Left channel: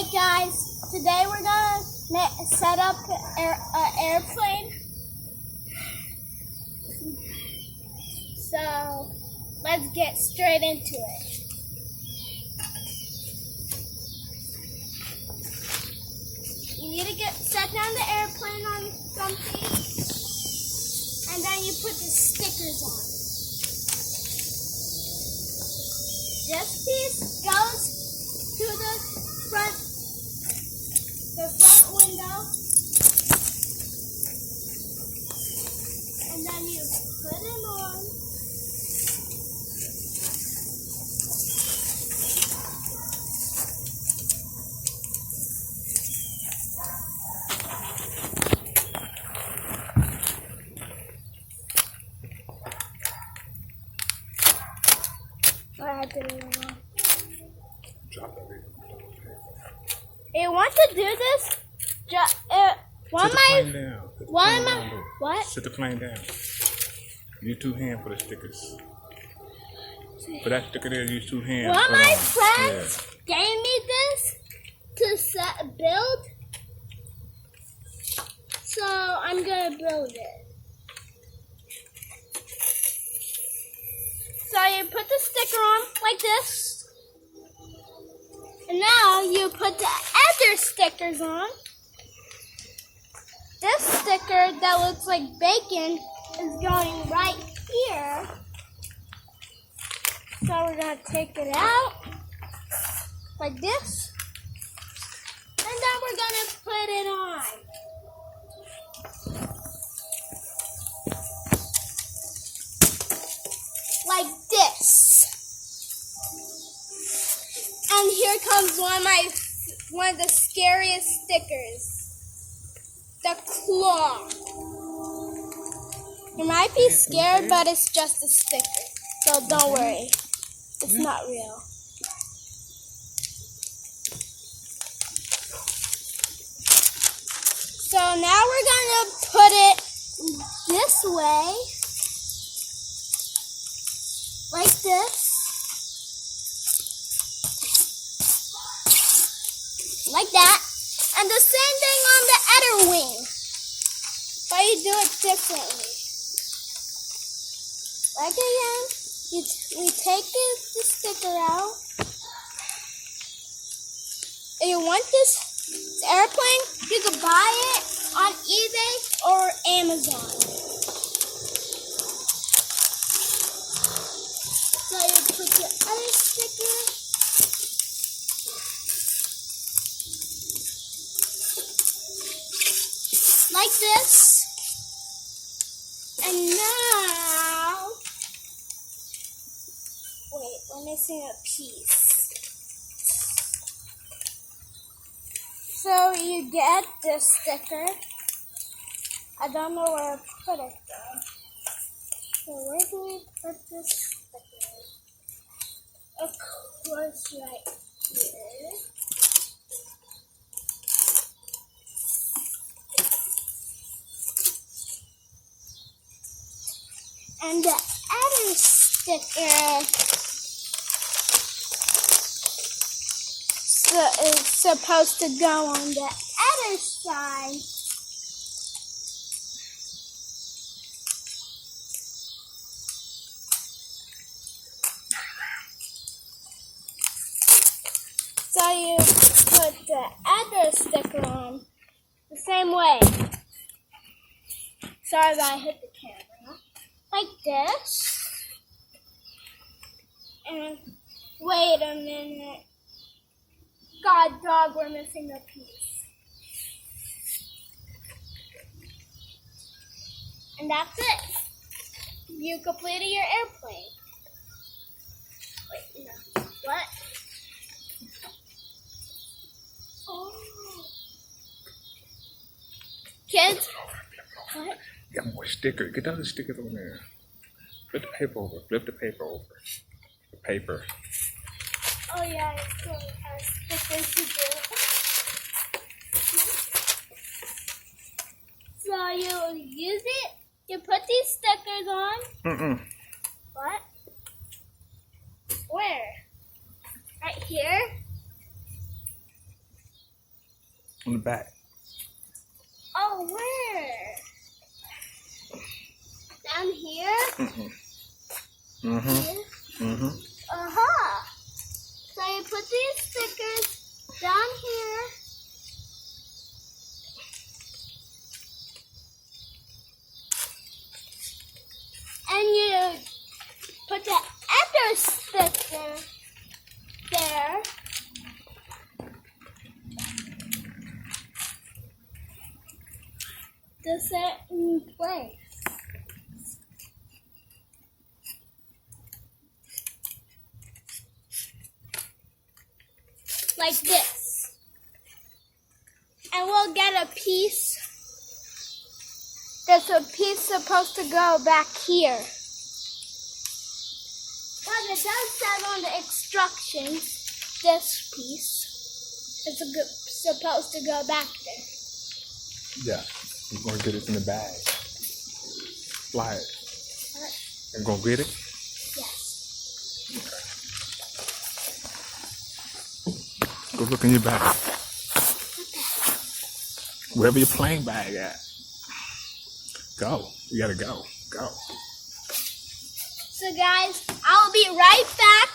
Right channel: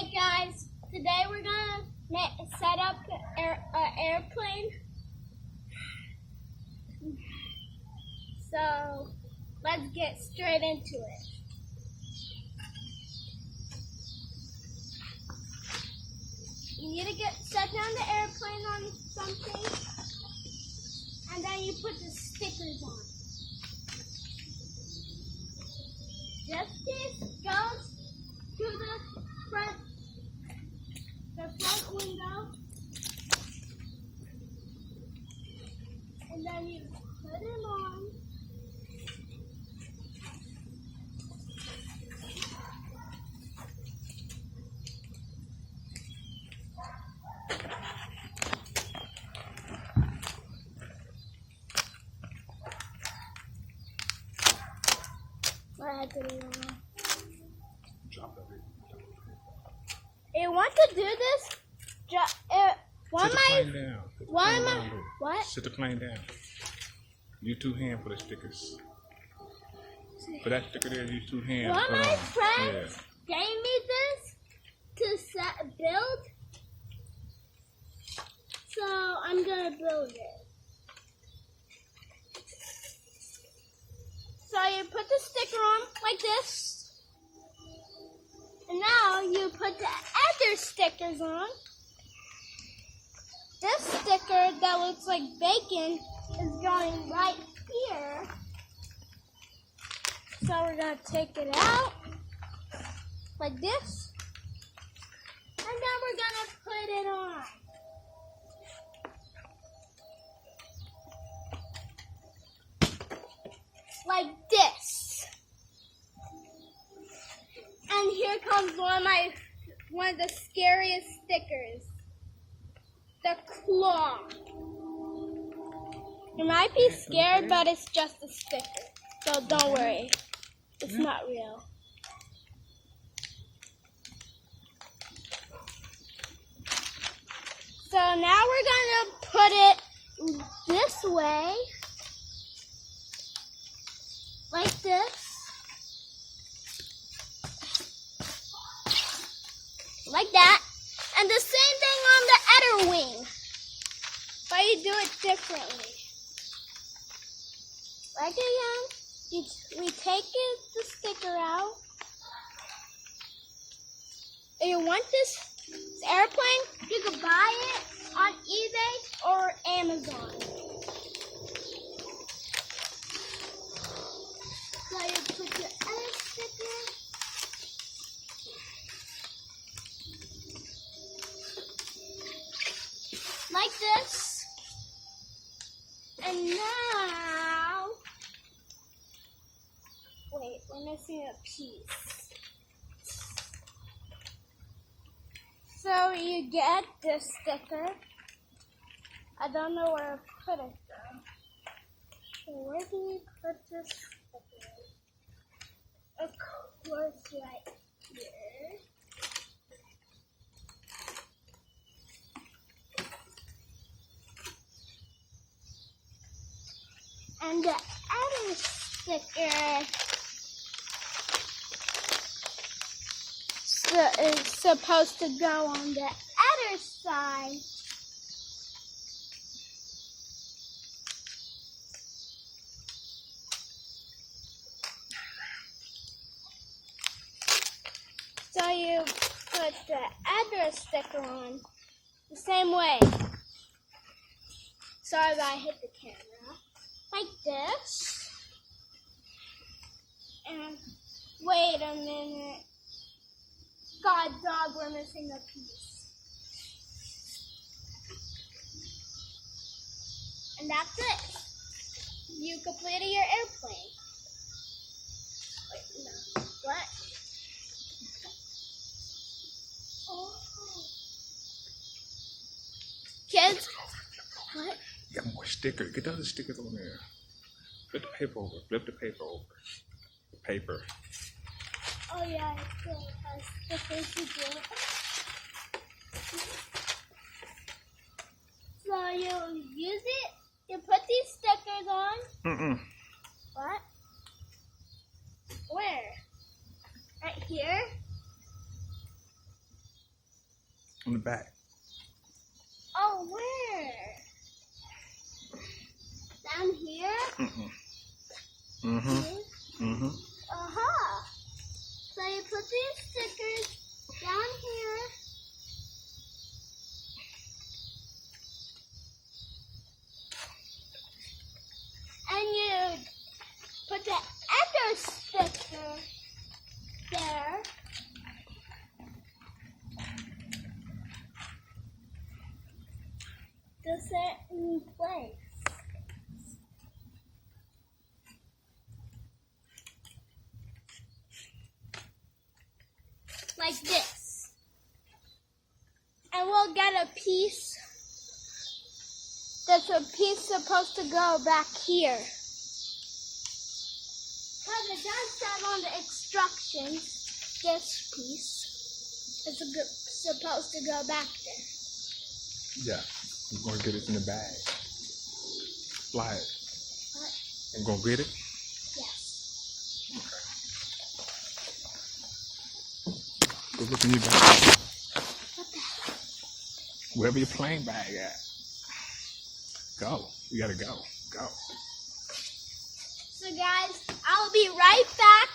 Hey guys, today we're gonna set up an airplane. So let's get straight into it. You need to set down the airplane on something, and then you put the stickers on. This piece goes to the front window, and then you put it on. You want to do this? What? Sit the plane down. Use two hands for the stickers. For that sticker there, use two hands. One of my friends gave me this to build, so I'm gonna build it. So you put the sticker on like this, and now you put the other stickers on. This sticker that looks like bacon is going right here. So we're going to take it out like this. And then we're going to put it on. Like this. And here comes one of the scariest stickers. The claw. You might be scared, but it's just a sticker. So don't worry. It's not real. So now we're going to put it this way. Like this. Like that. And the same thing on the other wing. But you do it differently. Like again, we take the sticker out. If you want this airplane, you can buy it on eBay or Amazon. So you put your other sticker. Like this, and now, wait, we're missing a piece. So you get this sticker. I don't know where to put it though. So where do we put this sticker? Of course, right here. And the other sticker is supposed to go on the other side. So you put the other sticker on the same way. Sorry if I hit the camera. Like this. And wait a minute. God dog, we're missing a piece. And that's it. You completed your airplane. Wait, no. What? Oh. Kids, what? Got more sticker. Get all the stickers on there. Flip the paper over. Flip the paper over. The paper. Oh yeah, it's cool. Stickers to do. So you use it. You put these stickers on. What? Where? Right here. back. Oh, where? Down here? Uh-huh. So you put these stickers down here. And you put the other sticker there. The certain place. Like this. And we'll get a piece. There's a piece supposed to go back here. But it does say on the instructions, this piece is supposed to go back there. Yeah. You're gonna get it in the bag. Fly it. And go get it? Yes. Go look in your bag. Wherever your plane bag at. Go. You gotta go. Go. So guys, I'll be right back